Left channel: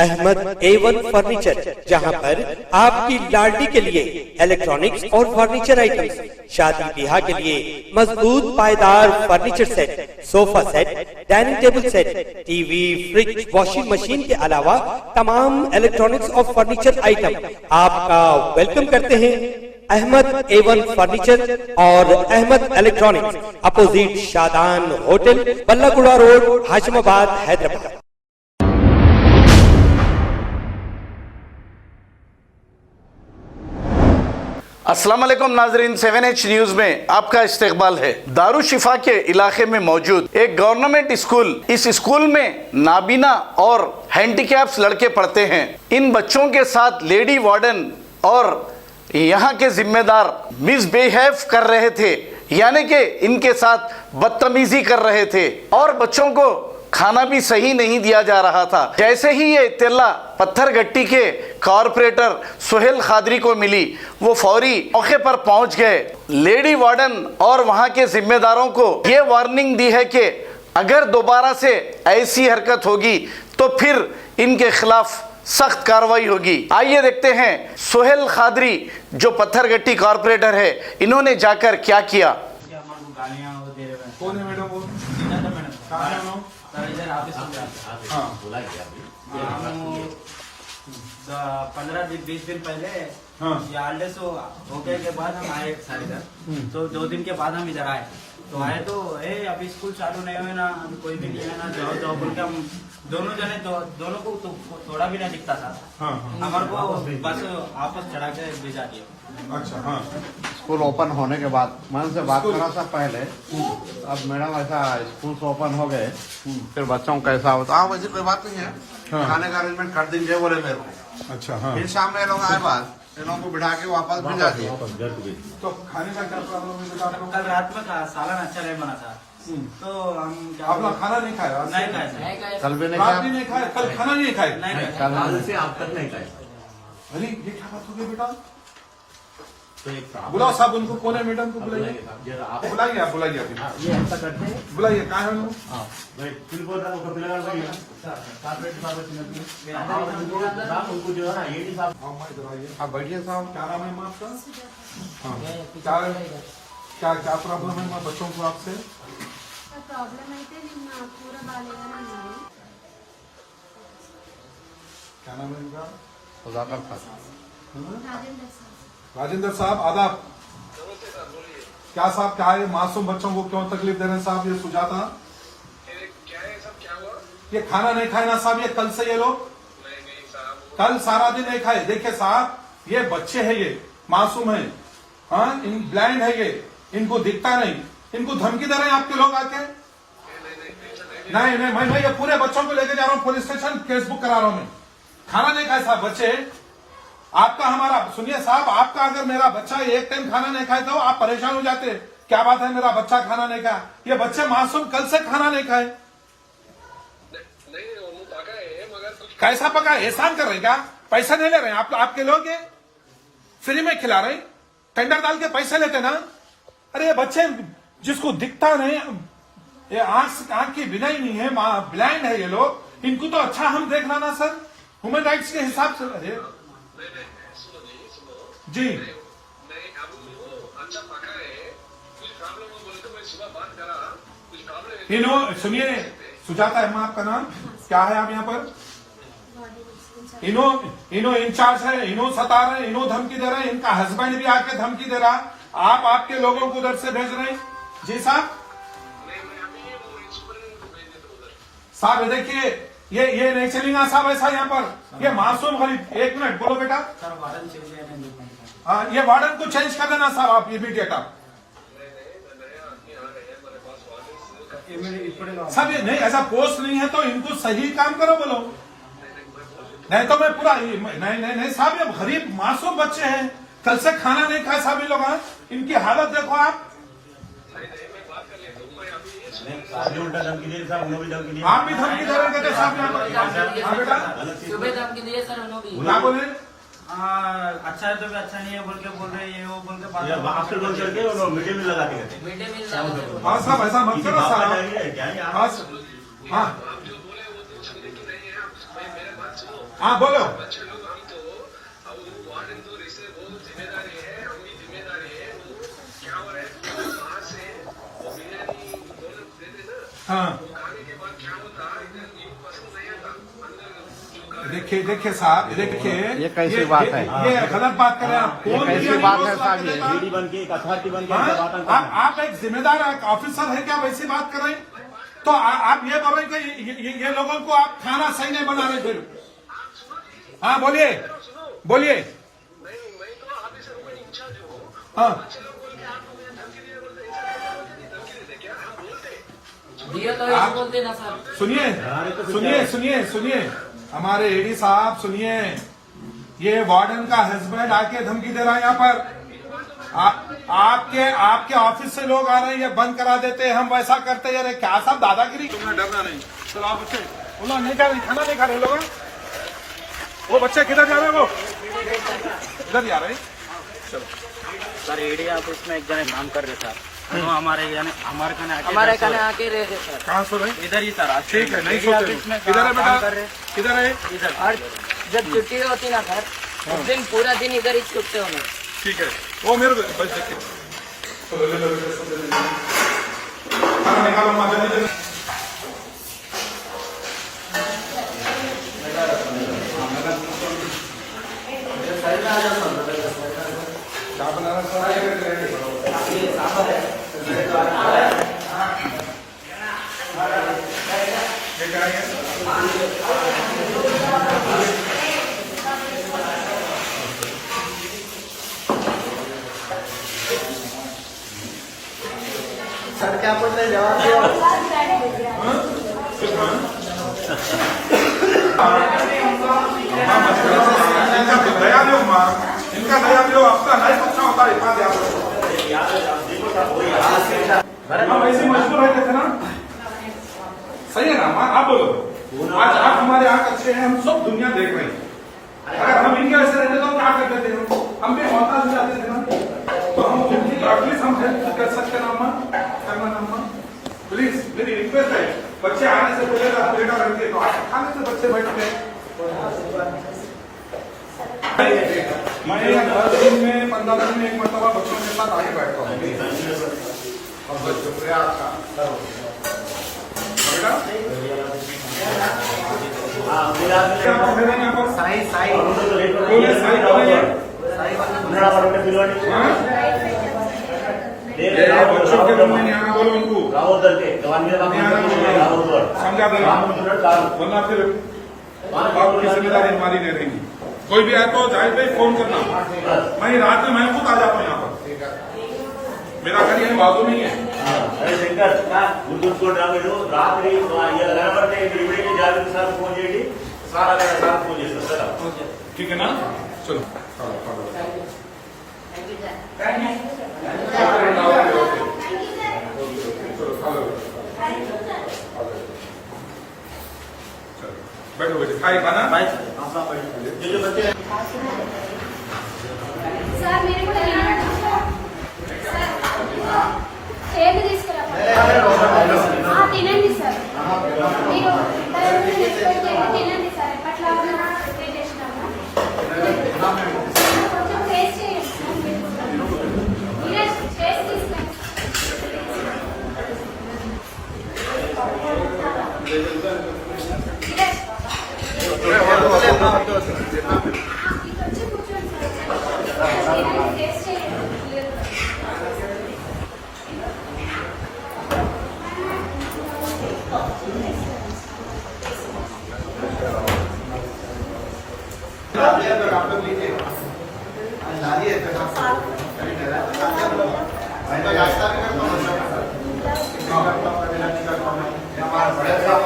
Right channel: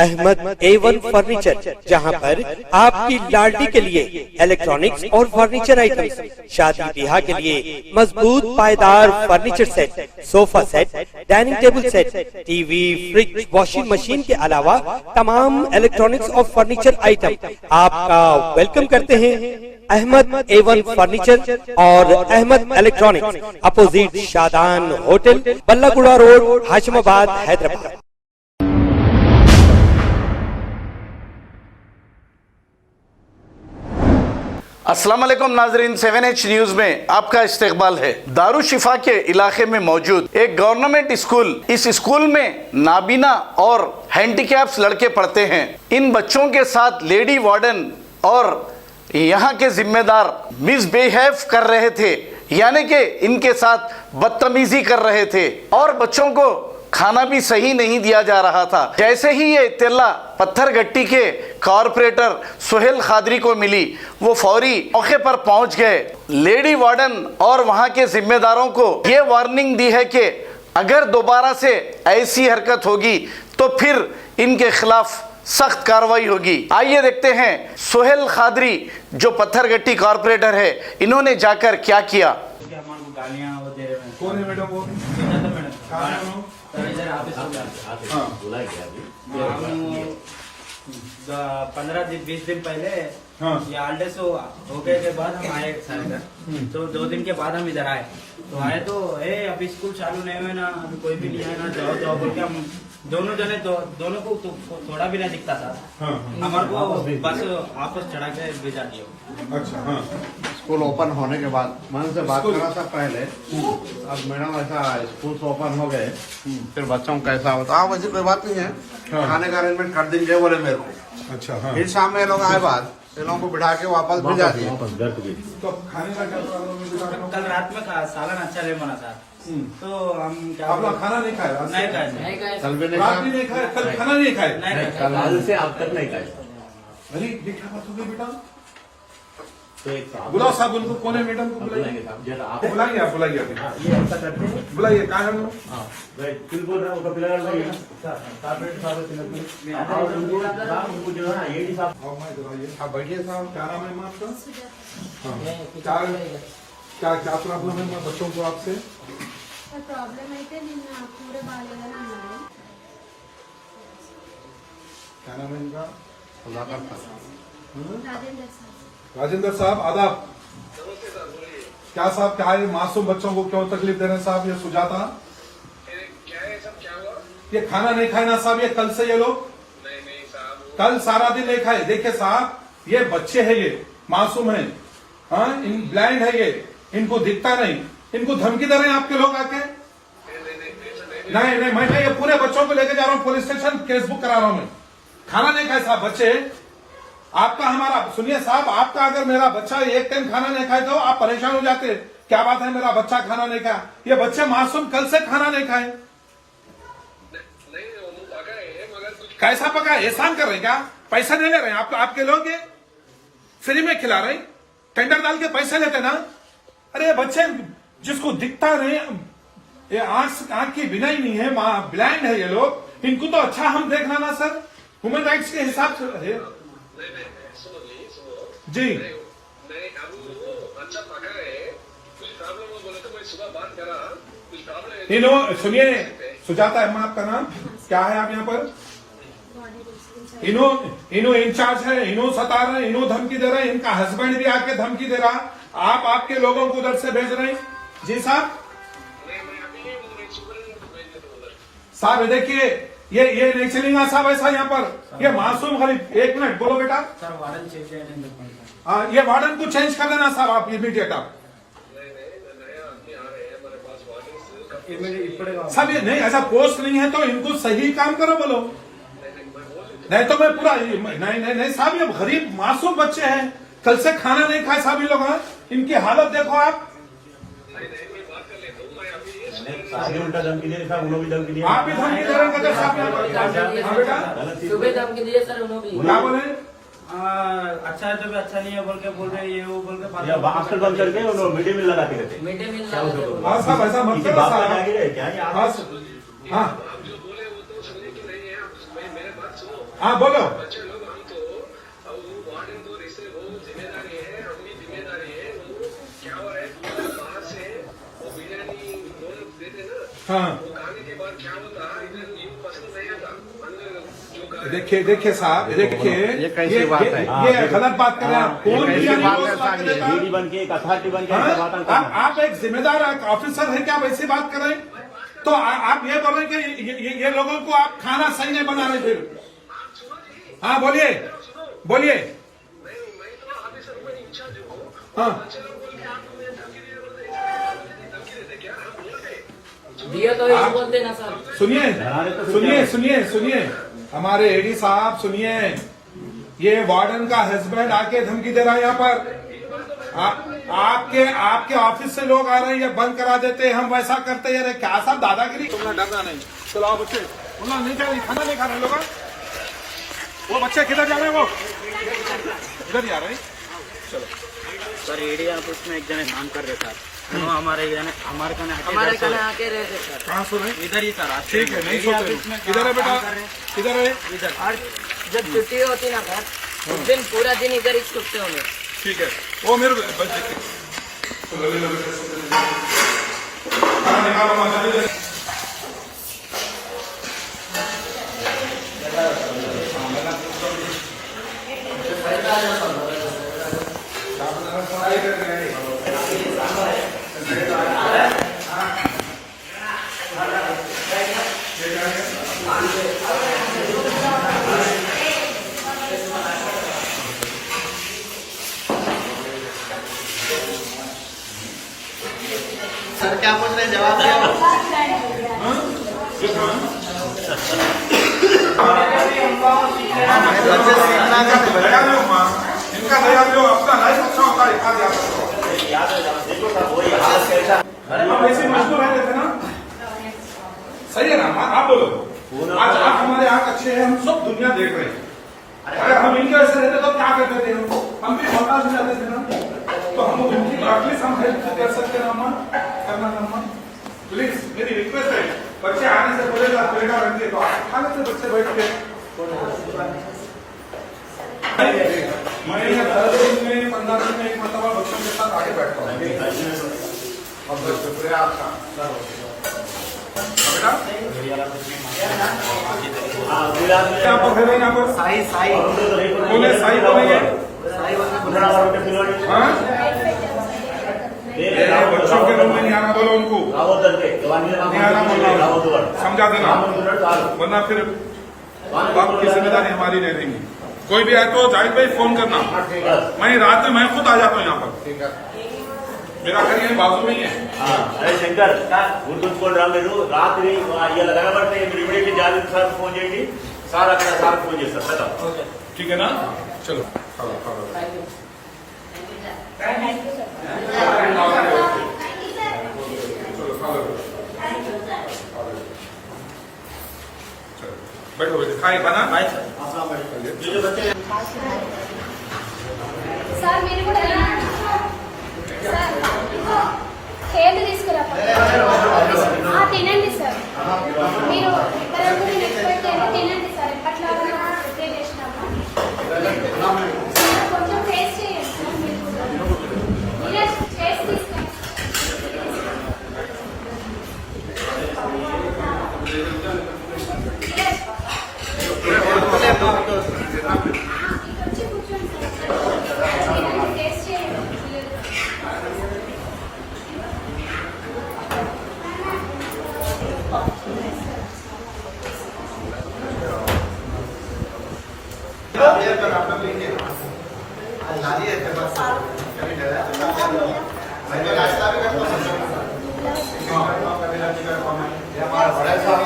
Ahmad A1 furniture, जहां पर आपकी लाडली के लिए इलेक्ट्रॉनिक्स और फर्नीचर आइटम्स, शादी ब्याह के लिए मजबूत पायदार furniture set, sofa set, dining table set, TV, fridge, washing machine के अलावा तमाम इलेक्ट्रॉनिक्स और फर्नीचर आइटम आपका वेलकम करते हैं। अहमद A1 फर्नीचर और Ahmed electronics, opposite Shadan hotel, Ballaguda road, Hashimabad, Hyderabad. अस्सलाम वालेकुम नाजरीन, 7H न्यूज में आपका इस्तकबाल है। दारुशिफा के इलाके में मौजूद एक गवर्नमेंट स्कूल, इस स्कूल में नाबीना और हैंडीकैप्स लड़के पढ़ते हैं। इन बच्चों के साथ लेडी वार्डन और यहाँ के जिम्मेदार मिसबिहेव कर रहे थे, यानी कि इनके साथ बदतमीजी कर रहे थे और बच्चों को खाना भी सही नहीं दिया जा रहा था। जैसे ही ये इत्तला पत्थरगट्टी के कॉरपोरेटर सुहेल खादरी को मिली, वो फौरी मौके पर पहुंच गए। लेडी वार्डन और वहां के जिम्मेदारों को ये वार्निंग दी है कि अगर दोबारा से ऐसी हरकत होगी तो फिर इनके खिलाफ सख्त कार्रवाई होगी। आइए देखते हैं सुहेल खादरी जो पत्थरगट्टी कॉरपोरेटर है, इन्होंने जाकर क्या किया। हाँ 15-20 दिन पहले ये हॉलिडेज हो गए के बाद हम आए सारे घर, तो 2 दिन के बाद हम इधर आए। तो आए तो अभी स्कूल चालू नहीं हुए ना, अभी कोई भी नहीं है ना, जाओ जाओ बोल के हम दोनों जने दोनों को तो थोड़ा भी नहीं दिखता था। हमारे को बस आपस चढ़ा के भेजा दिया। अच्छा हाँ, स्कूल ओपन होने के बाद मैं उनसे बात करा था पहले। अब मैडम ऐसा स्कूल ओपन हो गए, फिर बच्चों को कैसा होता है वैसे कोई बात नहीं है, खाने का अरेंजमेंट कर देंगे बोले मेरे को। अच्छा हाँ। फिर शाम में लोग आए बाद इन लोगों को बिठा के वापस भेजा दिए। तो खाने का क्या प्रॉब्लम है? कल रात में सालन अच्छा नहीं बना था, तो हम क्या आप लोग खाना नहीं खाए? नहीं खाए, कल भी नहीं खाए, कल खाना नहीं खाए, नहीं से आप तक नहीं खाए। अरे ये क्या बात हो गई बेटा? बुलाओ साहब उनको, कौन है मैडम को बुलाइए, बुलाइए आप, बुलाइए बुलाइए। क्या है बैठिए साहब, क्या नाम है आपका? क्या क्या प्रॉब्लम है बच्चों को आपसे? प्रॉब्लम అయితే నిన్న కూర బాలేదని అన్నారు। क्या नाम है इनका? రాజేంద్ర సార్। राजेंद्र साहब आदाब। क्या साहब क्या है, मासूम बच्चों को क्यों तकलीफ दे रहे हैं साहब? ये सुजाता क्या है सब, क्या हुआ? ये खाना नहीं खाए ना साहब, ये कल से ये लोग नहीं साहब, कल सारा दिन नहीं खाए। देखिए साहब, ये बच्चे हैं, ये मासूम है, हाँ ब्लाइंड है, ये इनको दिखता नहीं, इनको धमकी दे रहे हैं आपके लोग आके। नहीं मैं ये पूरे बच्चों को लेके जा रहा हूँ पुलिस स्टेशन, केस बुक करा रहा हूँ मैं। खाना नहीं खाए साहब बच्चे। आपका हमारा सुनिए साहब, आपका अगर मेरा बच्चा एक टाइम खाना नहीं खाए तो आप परेशान हो जाते, क्या बात है मेरा बच्चा खाना नहीं खाया। ये बच्चे मासूम कल से खाना नहीं खाए। कैसा पका? एहसान कर रहे हैं क्या? पैसा नहीं ले रहे हैं आपके लोग, ये फ्री में खिला रहे, टेंडर डाल के पैसे लेते ना। अरे ये बच्चे जिसको दिखता नहीं, ये आंख की बिना ही नहीं है, ब्लाइंड है ये लोग, इनको तो अच्छा हम देखना ना सर, ह्यूमन राइट्स के हिसाब से। अरे जी अच्छा पका है, कुछ प्रॉब्लम हो बोले तो मैं सुबह बात करा, कुछ प्रॉब्लम इनो सुनिए, सुजाता अम्मा आपका नाम क्या है? आप यहाँ पर इनो इंचार्ज है, इनो सता रहे, इनो धमकी दे रहे, इनका हस्बैंड भी आके धमकी दे रहा, आप आपके लोगों को उधर से भेज रहे हैं। जी साहब, साहब देखिए ये नहीं चलेगा साहब ऐसा यहाँ पर। ये मासूम गरीब, एक मिनट बोलो बेटा। ये वार्डन को चेंज कर देना साहब आप इमीडिएट। आप साहब ये नहीं, ऐसा पोस्ट नहीं है तो इनको सही काम करो बोलो, नहीं तो मैं पूरा नहीं साहब, ये गरीब मासूम बच्चे हैं, कल से खाना नहीं खाए साहब ये लोग। इनकी हालत देखो आप। उल्टा धमकी दे रहे साहब, उन्होंने भी धमकी दी। आप भी धमकी दे रहे हैं साहब यहाँ पर? सुबह धमकी दिए सर उन्होंने। क्या बोले? अच्छा है तो भी अच्छा नहीं है बोल के बोल रहे, ये वो बोल के हॉस्टल बंद करके मिड डे मील लगाते रहते। मिड डे मील हाँ साहब ऐसा मत करो साहब। हाँ जो बोले वो तो समझे कि नहीं है, मेरे बात हाँ बोलो। बच्चे लोग हम तो अब वो वार्डन तो रिश्ते वो जिम्मेदारी है, हम भी जिम्मेदारी है। वो क्या हो रहा है, बाहर से वो बिरयानी दोनों देते ना, हाँ वो खाने के बाद क्या होता है, ये पसंद नहीं आता अंदर जो देखिए साहब, देखिए ये कैसी बात है? ये गलत बात कर रहे हैं आप। कौन कैसी बिरयानी बात रोज है ला के साहब? देता है? बन के कथा की बन के हाँ? बात आप एक जिम्मेदार ऑफिसर है क्या वैसी बात कर रहे हैं? तो आप ये बोल रहे हैं कि ये लोगों को आप खाना सही नहीं बना रहे थे। हाँ बोलिए बोलिए। हाँ दिए तो आप बोलते ना सर। सुनिए हमारे एडी साहब सुनिए, ये वार्डन का हस्बैंड आके धमकी दे रहा है यहाँ पर। आपके ऑफिस से लोग आ रहे हैं, ये बंद करा देते हैं, हम वैसा करते हैं। अरे क्या सब दादागिरी करना, डरना नहीं। चलो आप उससे बोला नहीं खा रहे, खाना नहीं खा रहे लोग। वो बच्चे किधर जा रहे हैं? वो इधर ही आ रहे हैं। चलो सर एडी ऑफिस में एक जने काम कर रहे सर, वो हमारे कहने आके रहे थे सर। कहाँ सो रहे? इधर ही सर। ठीक है, नहीं सोते। किधर है बेटा? किधर है? इधर। और जब छुट्टी होती ना सर, उस दिन पूरा दिन इधर ही छुट्टे होने। ठीक है, वो मेरे को खाना निकालो वहाँ से। क्या बनाना सर क्या पूछ रहे हैं, जवाब दो। इनका दया लो, आपका हर बच्चों का रिकॉर्ड याद रखो। हम वैसे मजबूर है थे ना, सही है ना? आप बोलो। आज आप हमारे यहाँ अच्छे हैं, हम सब दुनिया देख रहे हैं। अगर हम इनके वैसे रहते तो क्या करते थे? हम भी मोहताज हो जाते थे ना। तो हम उनकी एटलीस्ट हम हेल्प कर सकते ना अम्मा, करना ना अम्मा। प्लीज मेरी रिक्वेस्ट है, बच्चे आने से पहले 10 मिनट बैठे तो आने से बच्चे बैठ के मैं 10 दिन में 15 दिन में एक मरतबा बच्चों के साथ आगे बैठता हूँ। शुक्रिया आपका बेटा। यहाँ पर है यहाँ पर साई कौन है? साई कौन है ये? हाँ? ये बच्चों के रूम में नहीं आना बोलो उनको, नहीं आना बोलो, समझा देना, वरना फिर बाप की जिम्मेदारी हमारी नहीं रहेगी। कोई भी आए तो जाहिद भाई फोन करना, मैं रात में मैं खुद आ जाता हूँ यहाँ पर। मेरा घर यहीं बाजू में ही है। अरे शंकर उनको रात में ये लगाना पड़ता है, फोन చేయండి सारा का साथ फोन చేస్తారు। ठीक है ना? चलो खाला खाला बैठो बैठो, खाए खाना। సార్ మీరు కేబుల్ తీసుకురా తినండి సార్, మీరు ఇద్దరు తినండి సార్. ఎప్పట్లో ప్రిపేర్ చేసినాము, కొంచెం టేస్ట్ చేయండి సార్. మీరే టేస్ట్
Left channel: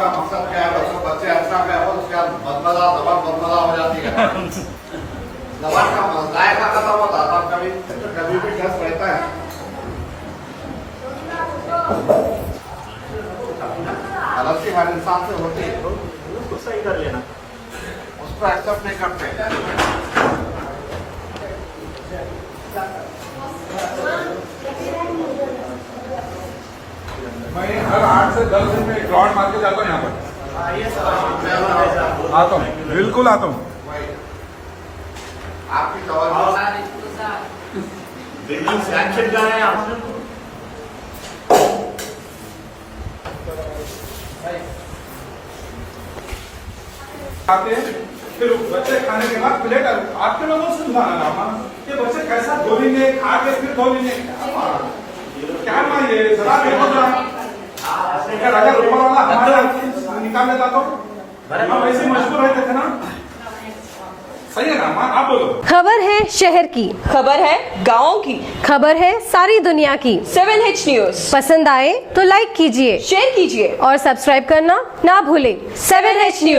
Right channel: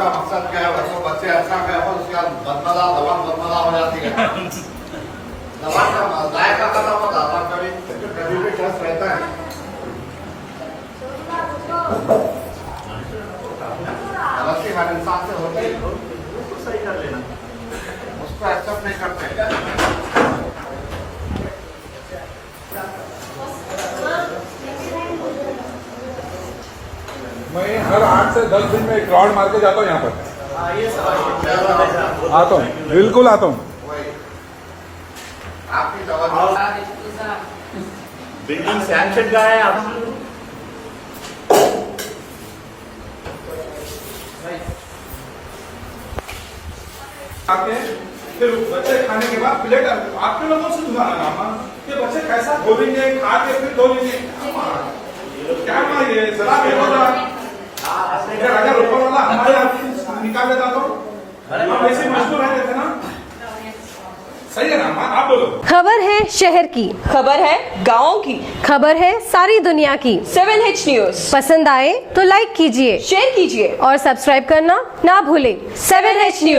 मकसद क्या है? बच्चे ऐसा क्या हो, उसका बदमजा दवा बदमजा हो जाती है। दवा का जायका खत्म होता था, कभी भी टेस्ट रहता है। गलती हर इंसान से होती है, सही कर लेना, उसको एक्सेप्ट नहीं करते। मैं हर 8 से 10 दिन में एक राउंड मार के जाता हूँ यहाँ पर। आता हूँ, बिल्कुल आता हूँ। आपकी जवाब बिल्कुल सैंक्शन का है। आते हैं, फिर बच्चे खाने के बाद प्लेट आपके लोगों से सुनाना नामा कि बच्चे कैसा धो लेंगे, खा के फिर धो लेंगे। क्या मारिए जरा देखो जरा, अगर ऊपर वाला हमारे निकाल लेता तो हम ऐसे मजबूर रहते थे ना। सही है ना, आप बोलो। खबर है शहर की, खबर है गाँव की, खबर है सारी दुनिया की। 7H न्यूज पसंद आए तो लाइक कीजिए, शेयर कीजिए और सब्सक्राइब करना ना भूलें। 7H news.